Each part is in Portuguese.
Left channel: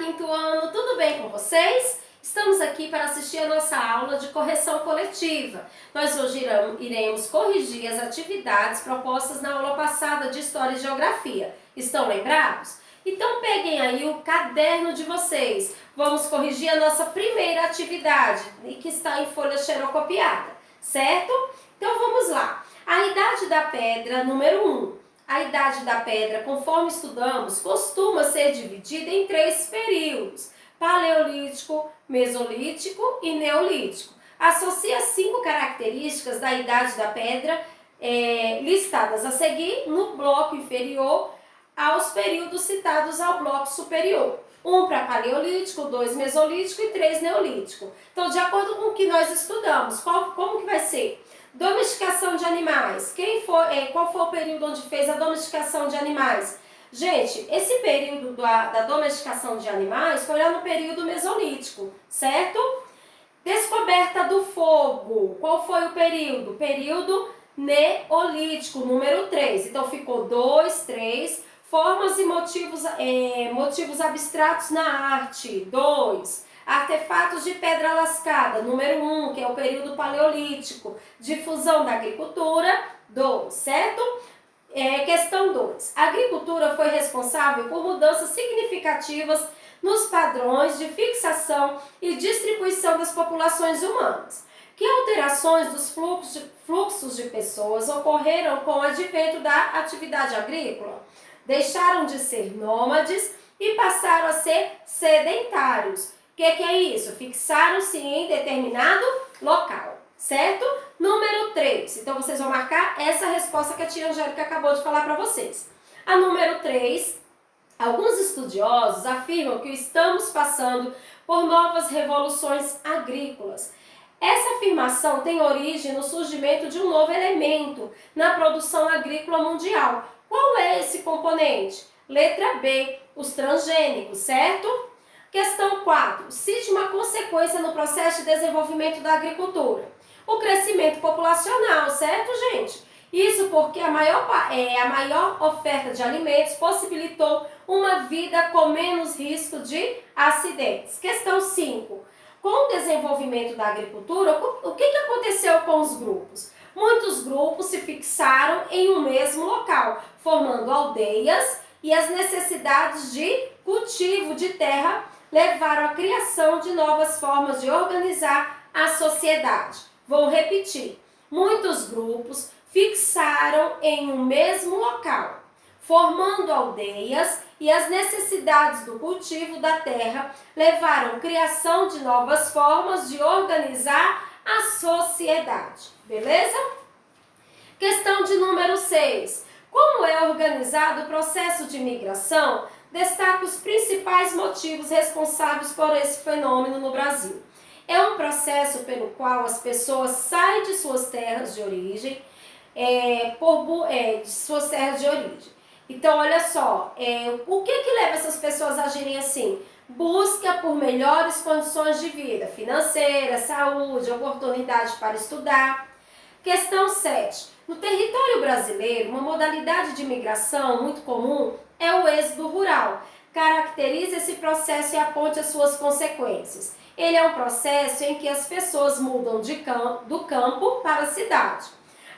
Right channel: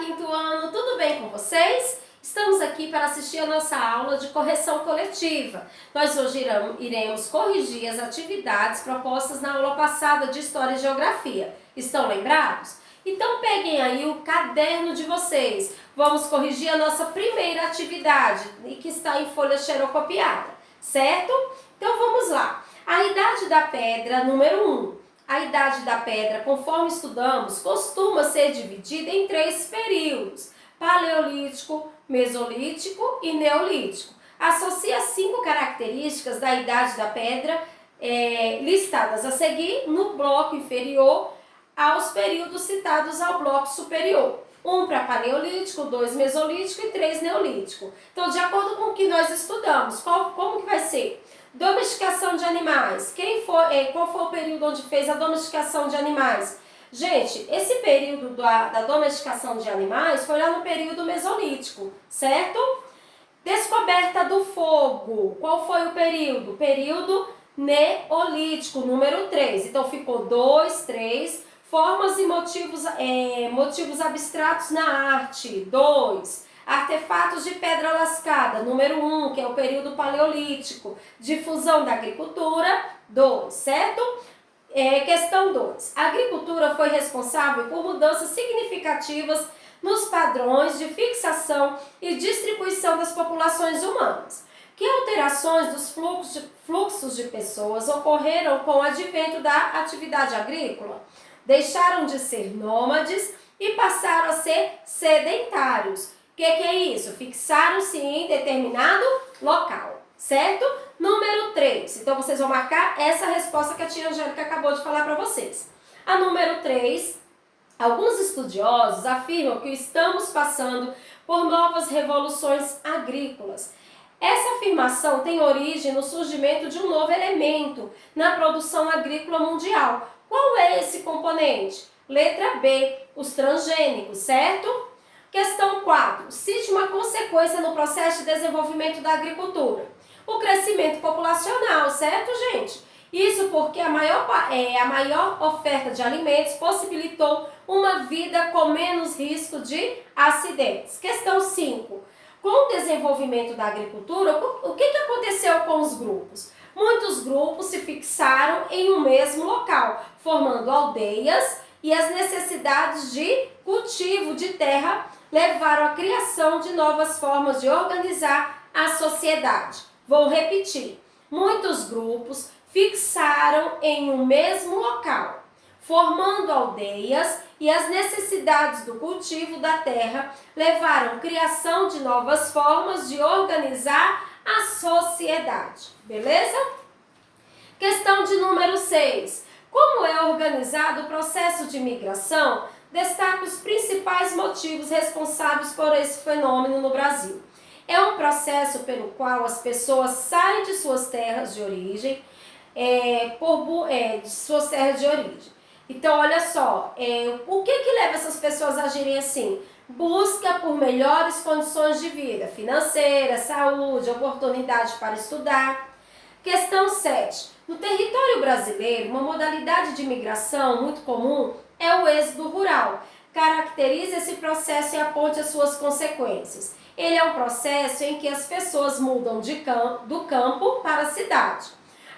quinto ano, tudo bem com vocês? Estamos aqui para assistir a nossa aula de correção coletiva. Nós hoje iremos corrigir as atividades propostas na aula passada de História e Geografia. Estão lembrados? Então peguem aí o caderno de vocês. Vamos corrigir a nossa primeira atividade, que está em folha xerocopiada, certo? Então vamos lá. A Idade da Pedra, número 1. A Idade da Pedra, conforme estudamos, costuma ser dividida em 3 períodos: Paleolítico, Mesolítico e Neolítico. Associa 5 características da Idade da Pedra, listadas a seguir no bloco inferior aos períodos citados ao bloco superior. 1 para Paleolítico, 2 Mesolítico e 3 Neolítico. Então, de acordo com o que nós estudamos, como que vai ser? Domesticação de animais. Qual foi o período onde fez a domesticação de animais? Gente, esse período da domesticação de animais foi lá no período Mesolítico, certo? Descoberta do fogo. Qual foi o período? Período Neolítico, número 3. Então, ficou 2, 3. Formas e motivos abstratos na arte, 2. Artefatos de pedra lascada, número 1, que é o período paleolítico. Difusão da agricultura, 2, certo? Questão 2. A agricultura foi responsável por mudanças significativas nos padrões de fixação e distribuição das populações humanas. Que alterações dos fluxos de pessoas ocorreram com o advento da atividade agrícola? Deixaram de ser nômades e passaram a ser sedentários. O que é isso? Fixaram-se em determinado local, certo? Número 3. Então, vocês vão marcar essa resposta que a tia Angélica acabou de falar para vocês. A número 3, alguns estudiosos afirmam que estamos passando por novas revoluções agrícolas. Essa afirmação tem origem no surgimento de um novo elemento na produção agrícola mundial. Qual é esse componente? Letra B, os transgênicos, certo? Questão 4. Cite uma consequência no processo de desenvolvimento da agricultura. O crescimento populacional, certo, gente? Isso porque a maior oferta de alimentos possibilitou uma vida com menos risco de acidentes. Questão 5. Com o desenvolvimento da agricultura, o que aconteceu com os grupos? Muitos grupos se fixaram em um mesmo local, formando aldeias, e as necessidades de cultivo de terra levaram à criação de novas formas de organizar a sociedade. Vou repetir. Muitos grupos fixaram em um mesmo local, formando aldeias, e as necessidades do cultivo da terra levaram à criação de novas formas de organizar a sociedade. Beleza? Questão de número 6. Como é organizado o processo de migração? Destaque os principais motivos responsáveis por esse fenômeno no Brasil. É um processo pelo qual as pessoas saem de suas terras de origem, Então, olha só, o que leva essas pessoas a agirem assim? Busca por melhores condições de vida, financeira, saúde, oportunidade para estudar. Questão 7. No território brasileiro, uma modalidade de migração muito comum é o êxodo rural. Caracteriza esse processo e aponte as suas consequências. Ele é um processo em que as pessoas mudam do campo para a cidade.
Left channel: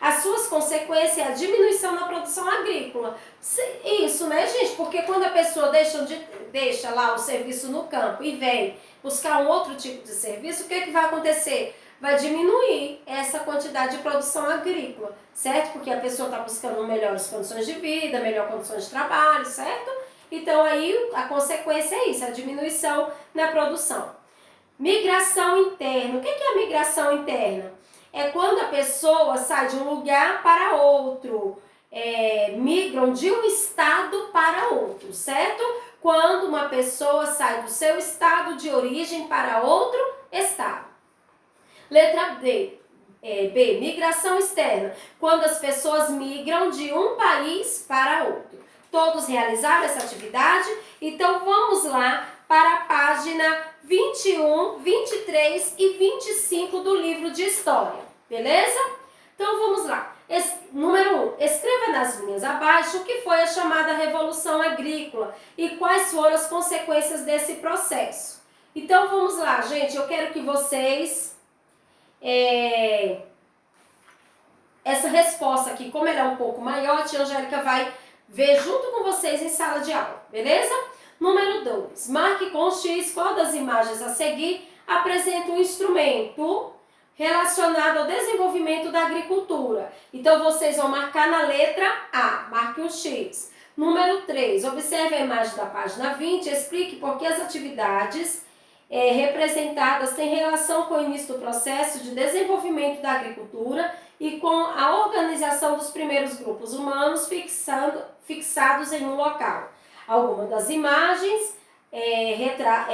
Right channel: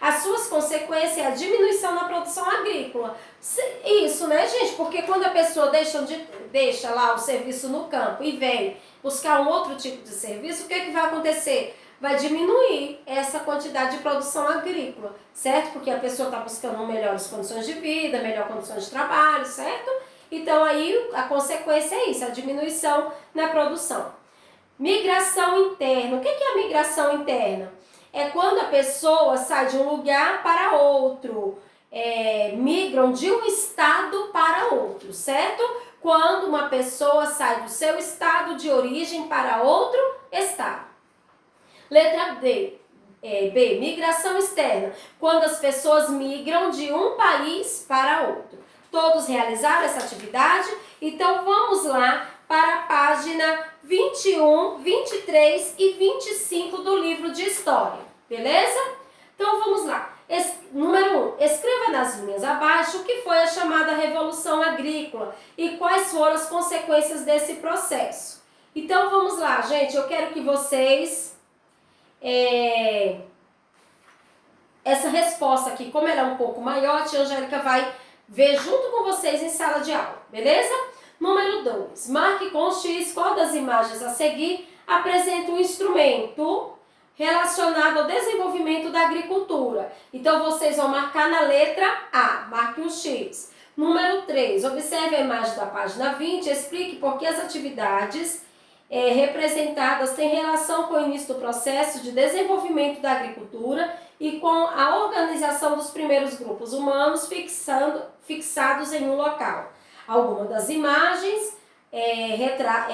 As suas consequências é a diminuição na produção agrícola. Isso, né, gente? Porque quando a pessoa deixa lá o serviço no campo e vem buscar um outro tipo de serviço, o que vai acontecer? Vai diminuir essa quantidade de produção agrícola, certo? Porque a pessoa está buscando melhores condições de vida, melhores condições de trabalho, certo? Então, aí, a consequência é isso, a diminuição na produção. Migração interna. O que é a migração interna? É quando a pessoa sai de um lugar para outro, migram de um estado para outro, certo? Quando uma pessoa sai do seu estado de origem para outro estado. Letra B, migração externa, quando as pessoas migram de um país para outro. Todos realizaram essa atividade? Então vamos lá para a página 21, 23 e 25 do livro de História, beleza? Então vamos lá. Número 1. Escreva nas linhas abaixo o que foi a chamada Revolução Agrícola e quais foram as consequências desse processo. Então, vamos lá, gente. Eu quero que vocês... essa resposta aqui, como ela é um pouco maior, a tia Angélica vai ver junto com vocês em sala de aula, beleza? Número 2. Marque com X qual das imagens a seguir apresenta um instrumento relacionado ao desenvolvimento da agricultura. Então, vocês vão marcar na letra A, marque um X. Número 3, observe a imagem da página 20, explique por que as atividades representadas têm relação com o início do processo de desenvolvimento da agricultura e com a organização dos primeiros grupos humanos fixados em um local. Alguma das imagens retrata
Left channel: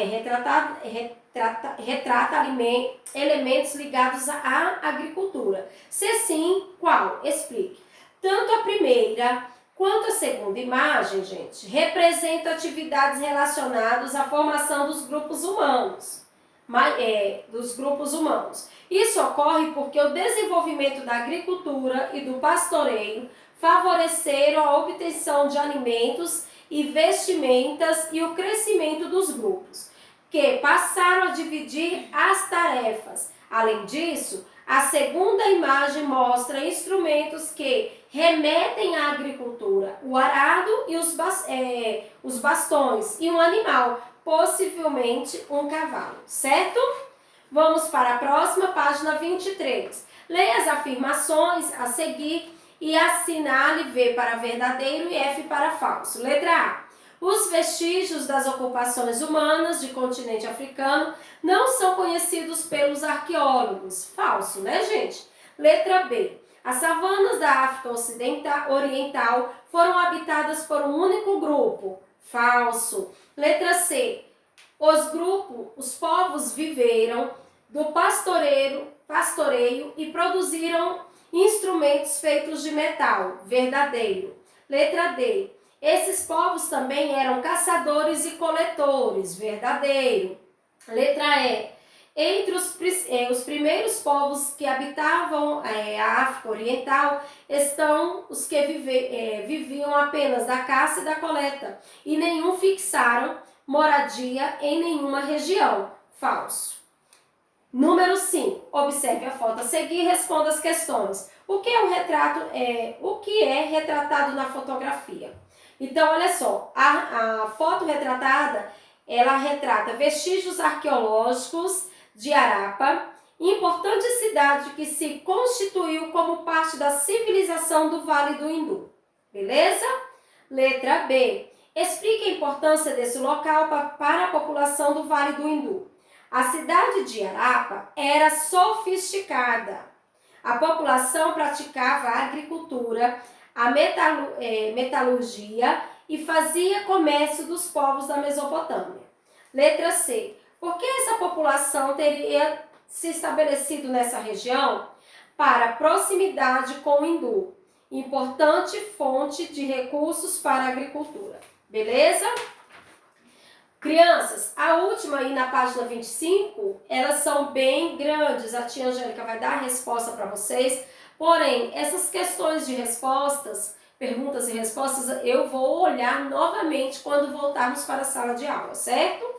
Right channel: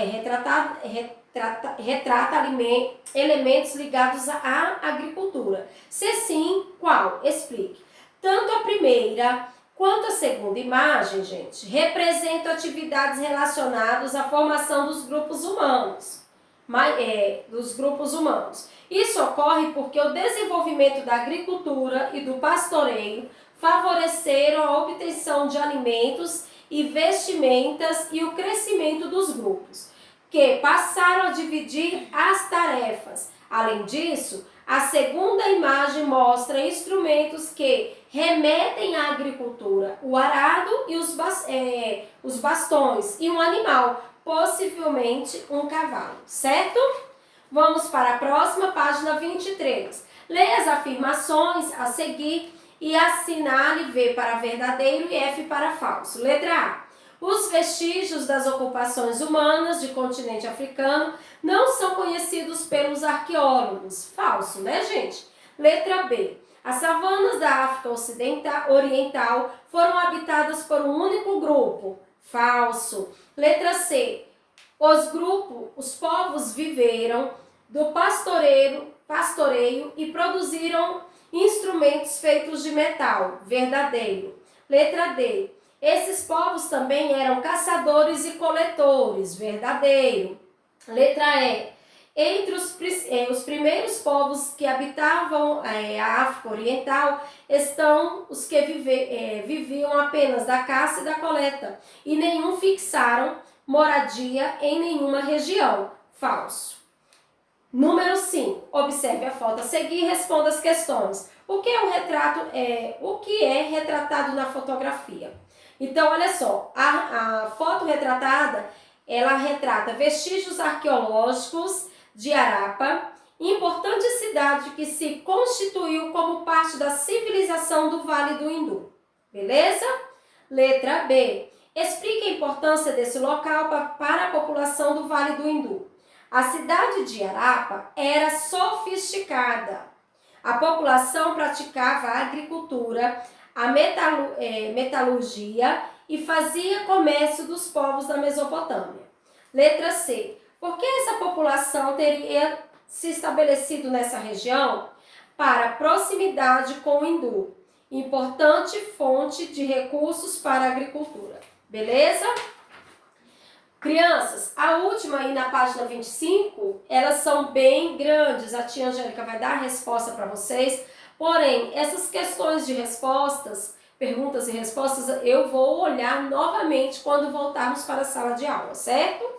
elementos ligados à agricultura. Se sim, qual? Explique. Tanto a primeira quanto a segunda imagem, gente, representam atividades relacionadas à formação dos grupos humanos. Isso ocorre porque o desenvolvimento da agricultura e do pastoreio favoreceram a obtenção de alimentos e vestimentas e o crescimento dos grupos, que passaram a dividir as tarefas. Além disso, a segunda imagem mostra instrumentos que remetem à agricultura, o arado e os bastões e um animal, possivelmente um cavalo, certo? Vamos para a próxima, página 23. Leia as afirmações a seguir e assinale V para verdadeiro e F para falso. Letra A. Os vestígios das ocupações humanas de continente africano não são conhecidos pelos arqueólogos. Falso, né, gente? Letra B. As savanas da África Oriental foram habitadas por um único grupo. Falso. Letra C. Os povos viveram do pastoreio e produziram instrumentos feitos de metal. Verdadeiro. Letra D. Esses povos também eram caçadores e coletores. Verdadeiro. Letra E. Entre os primeiros povos que habitavam a África Oriental estão os que viviam apenas da caça e da coleta, e nenhum fixaram moradia em nenhuma região. Falso. Número 5. Observe a foto a seguir e responda as questões. O que é retratado na fotografia? Então, olha só, a foto retratada, ela retrata vestígios arqueológicos de Harappa, importante cidade que se constituiu como parte da civilização do Vale do Hindu. Beleza? Letra B. Explique a importância desse local para a população do Vale do Hindu. A cidade de Harappa era sofisticada. A população praticava a agricultura, a metalurgia e fazia comércio dos povos da Mesopotâmia. Letra C. Por que essa população teria se estabelecido nessa região? Para proximidade com o hindu, importante fonte de recursos para a agricultura. Beleza? Crianças, a última aí na página 25, elas são bem grandes. A tia Angélica vai dar a resposta para vocês. Porém, essas questões de respostas, perguntas e respostas, eu vou olhar novamente quando voltarmos para a sala de aula, certo?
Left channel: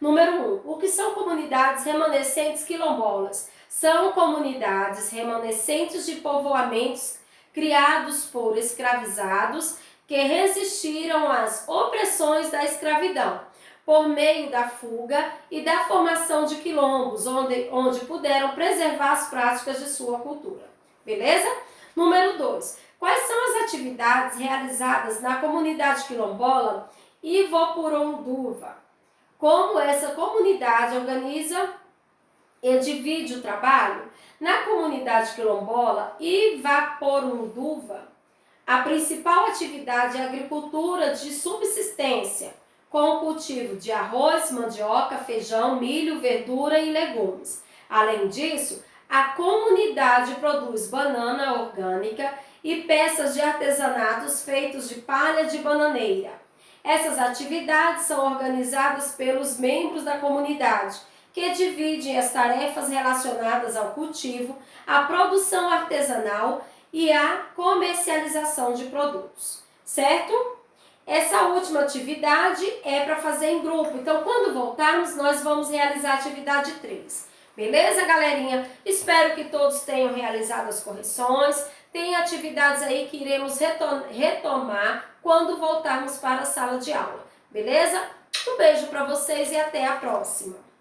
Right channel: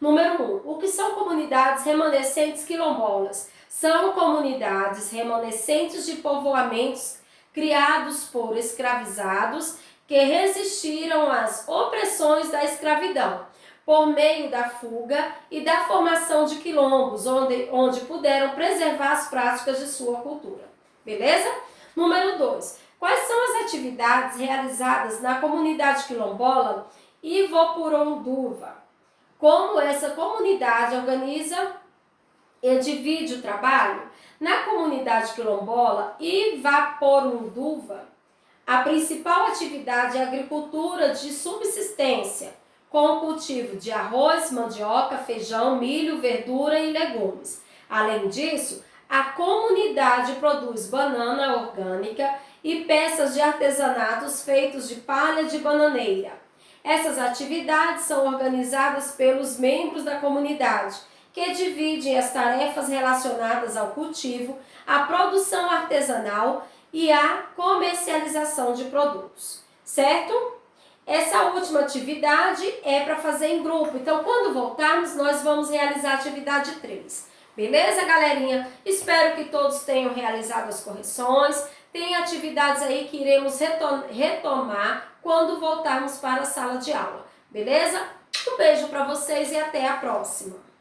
Número 1. O que são comunidades remanescentes quilombolas? São comunidades remanescentes de povoamentos criados por escravizados que resistiram às opressões da escravidão, por meio da fuga e da formação de quilombos, onde puderam preservar as práticas de sua cultura. Beleza? Número 2. Quais são as atividades realizadas na comunidade quilombola Ivopuronduva? Como essa comunidade organiza e divide o trabalho? Na comunidade quilombola Ivopuronduva, a principal atividade é a agricultura de subsistência, com o cultivo de arroz, mandioca, feijão, milho, verdura e legumes. Além disso, a comunidade produz banana orgânica e peças de artesanatos feitos de palha de bananeira. Essas atividades são organizadas pelos membros da comunidade, que dividem as tarefas relacionadas ao cultivo, à produção artesanal e a comercialização de produtos, certo? Essa última atividade é para fazer em grupo, então quando voltarmos nós vamos realizar a atividade 3. Beleza, galerinha? Espero que todos tenham realizado as correções. Tem atividades aí que iremos retomar quando voltarmos para a sala de aula. Beleza? Um beijo para vocês e até a próxima!